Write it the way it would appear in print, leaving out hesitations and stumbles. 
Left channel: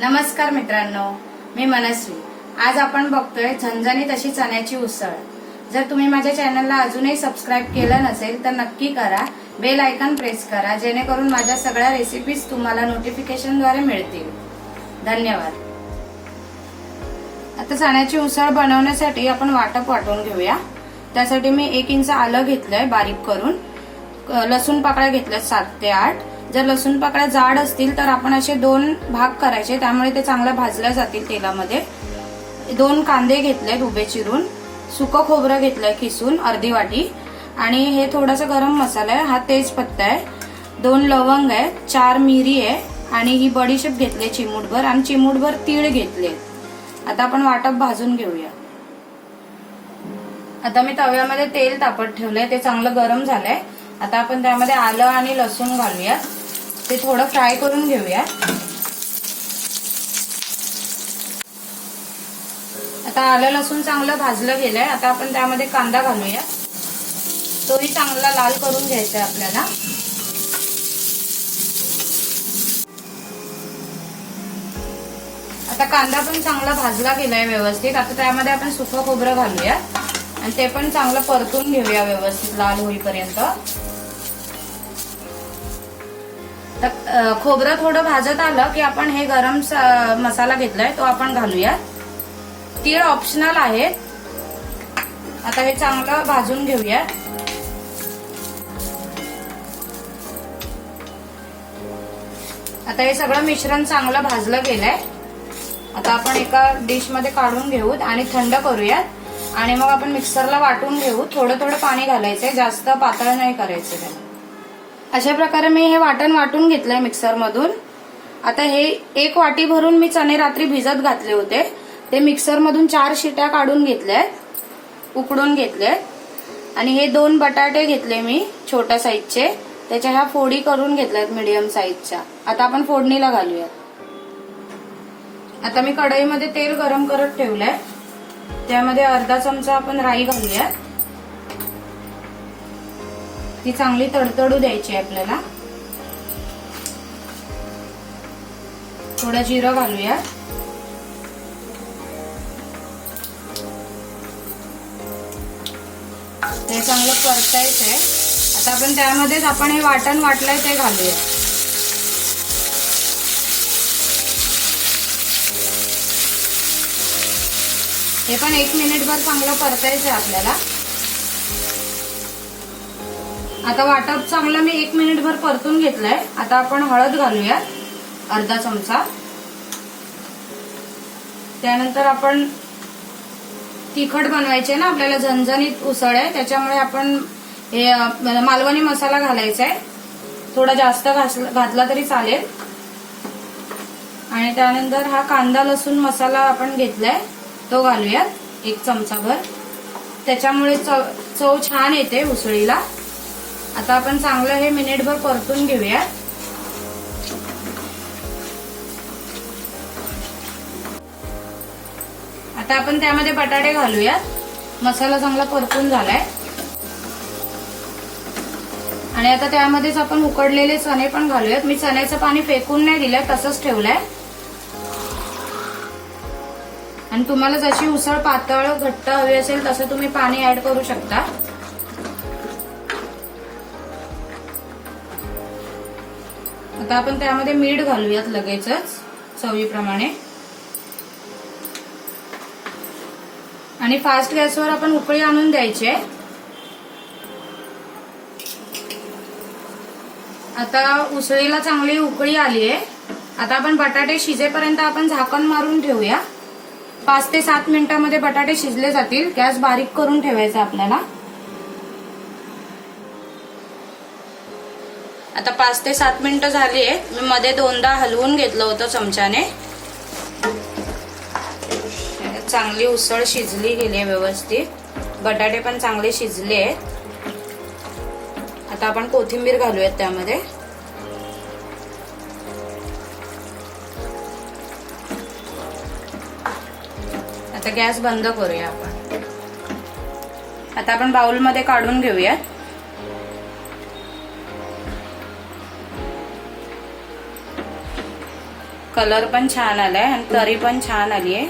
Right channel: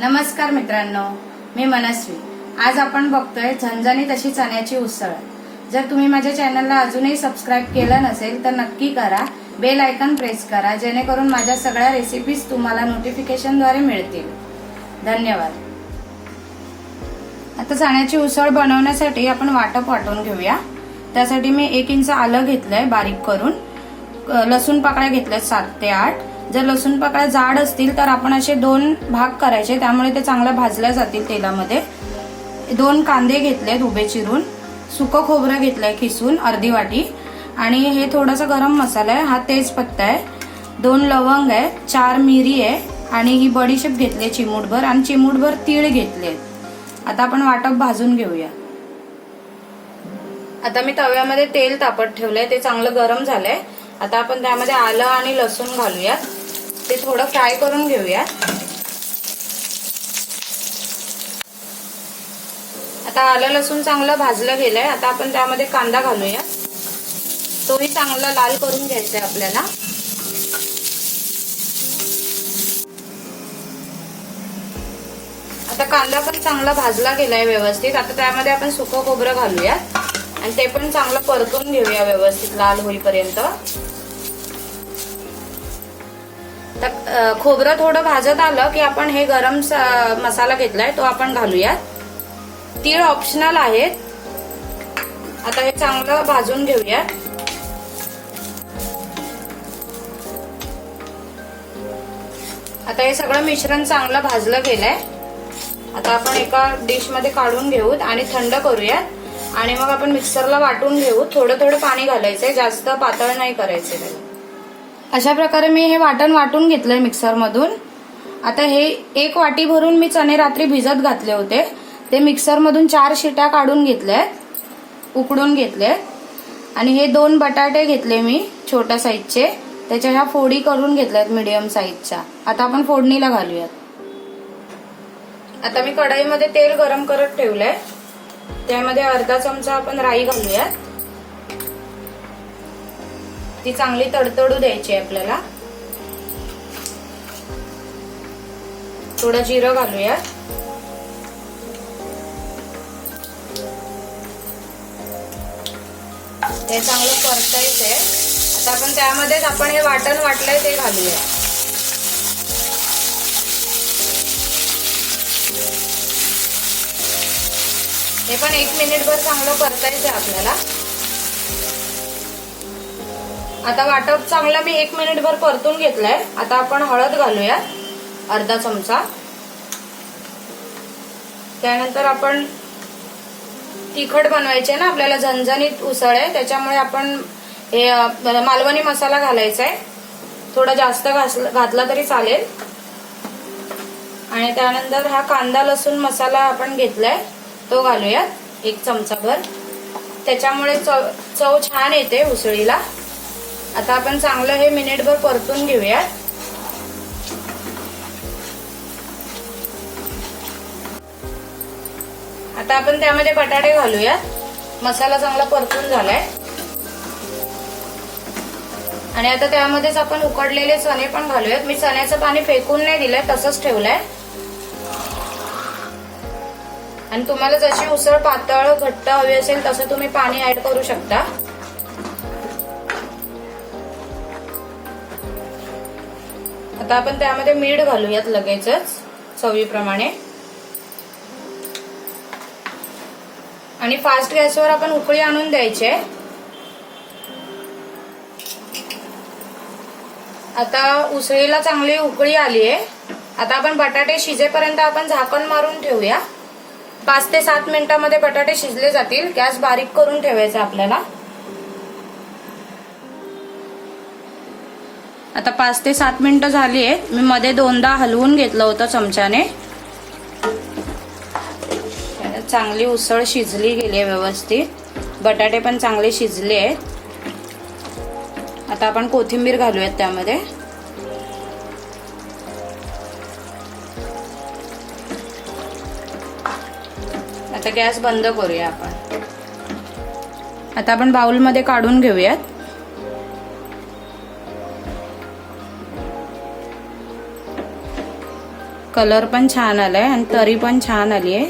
नमस्कार मित्रांनो, मी मनस्वी। आज आपण बघतोय झणझणीत अशी चण्याची उसळ। जर तुम्ही माझ्या चॅनलला अजूनही सबस्क्राइब केलं नसेल तर नक्की करा, बेल आयकॉन प्रेस करा जेणेकरून माझ्या सगळ्या रेसिपीज तुम्हाला नोटिफिकेशनद्वारे मिळतील। धन्यवाद। आता चण्याची उसळ बनवण्यासाठी आपण वाटप वाटून घेऊया। त्यासाठी मी 1 इंच आलं घेतलंय बारीक करून, लसूण पाकळ्या घेतल्यात 7 ते 8। जर लसूण पाकळ्या जाड असतील तर आपण असे 2 भाग करायचे, त्यामुळे ते चांगलं भाजल्या जातील तेलामध्ये। 2 कांदे घेतलेत उभे चिरून, सुकं खोबरं घेतलंय किसून अर्धी वाटी, आणि हे थोडासा गरम मसाला आहे, हा तेजपत्ता आहे, 2 लवंग आहे, 4 मिरी आहे, आणि ही बडीशेप घेतली चिमूटभर, आणि चिमूटभर तीळ घेतले। आता आपण वाटप भाजून घेऊया। आता मी तव्यामध्ये तेल तापत ठेवलंय, ते चांगलं गरम झालंय। आता आपण त्यामध्ये आलं आणि लसूण घालूया, ते थोडं फ्राय करून घेऊया। आता आलं लसूण चांगलं भाजलं गेलंय। आता आपण त्यामध्ये कांदा घालूया, तोही चांगला लाल करून घ्यायचा आहे आपल्याला। आता कांदा पण चांगला भाजला गेलाय व्यवस्थित। आता त्यामध्ये आपण सुकं खोबरं घालूया आणि ते पण चांगलं परतून घेऊया व्यवस्थित लाल होईपर्यंत। खोबरं थोडं भाजत आलं की आपण हे गरम मसाला घेतलाय तो आपण घालूया। तीळ ऑप्शनल आहेत। आता हे चांगलं भाजून घेऊया। आता हे सगळं मिश्रण चांगलं भाजलं गेलंय। आता आपण एका डिश मध्ये काढून घेऊ आणि थंड करूया, आणि मग आपण मिक्सरला वाटून घेऊ। थोडं थोडं पाणी घालायचंय, जास्त पातळ नाही करायचंय त्याला। अशा प्रकारे मी हे वाटण वाटून घेतलंय मिक्सर मधून। आता हे 1 वाटी भरून मी चणे रात्री भिजत घातले होते, ते मिक्सर मधून 4 शिट्या काढून घेतल्या, उकडून घेतले। आणि हे 2 बटाटे घेतले मी छोट्या साईजचे, त्याच्या ह्या फोडी करून घेतल्यात मीडियम साईजच्या। आता आपण फोडणीला घालूयात। आता मी कढईमध्ये तेल गरम करत ठेवलंय, त्यामध्ये अर्धा चमचा आपण राई घालूया। ती चांगली तडतडू द्यायची आहे आपल्याला। थोडं जिरं घालूया, हे चांगलं परतायचंय। आता आपण त्यामध्येच आपण हे वाटण वाटलंय ते घालूया। हे पण 1 मिनिटभर चांगलं परतायचंय आपल्याला। आता वाटप चांगलं मी 1 मिनिटभर परतून घेतलंय। आता आपण हळद घालूया अर्धा चमचा। त्यानंतर आपण तिखट बनवायचे ना आपल्याला, झणझणीत उसळ आहे त्याच्यामुळे आपण हे मालवणी मसाला घालायचा आहे, थोडा जास्त घातला तरी चालेल। आणि त्यानंतर हा कांदा लसूण मसाला आपण घेतलाय तो घालूया 1 चमचाभर, त्याच्यामुळे चव छान येते उसळीला। आता आपण चांगलं हे मिनिटभर परतून घेऊया। आता आपण त्यामध्ये बटाटे घालूया। मसाला चांगला परतून झालाय, आणि आता त्यामध्येच आपण उकडलेले चणे पण घालूयात। मी चण्याचं पाणी फेकून नाही दिलंय, तसंच ठेवलंय। आणि तुम्हाला जशी उसळ पातळ घट्ट हवी असेल तसं तुम्ही पाणी ऍड करू शकता। आता आपण त्यामध्ये मीठ घालूयात लगेचच चवीप्रमाणे, आणि फास्ट गॅसवर आपण उकळी आणून द्यायची आहे। आता उसळीला चांगली उकळी आली आहे। आता आपण बटाटे शिजेपर्यंत आपण झाकण मारून ठेवूया। 5 ते 7 मिनिटांमध्ये बटाटे शिजले जातील। गॅस बारीक करून ठेवायचा आपल्याला। आता 5 ते 7 मिनिटं झाली आहेत। मी मध्ये 2दा हलवून घेतलं होतं चमच्याने। चांगली उसळ शिजली गेली व्यवस्थित, बटाटे पण चांगले शिजले आहेत। आता आपण कोथिंबीर घालूयात त्यामध्ये। आता गॅस बंद करूया आपण। आता आपण बाउलमध्ये काढून घेऊयात। कलर पण छान आलाय आणि तरी पण छान आली आहे.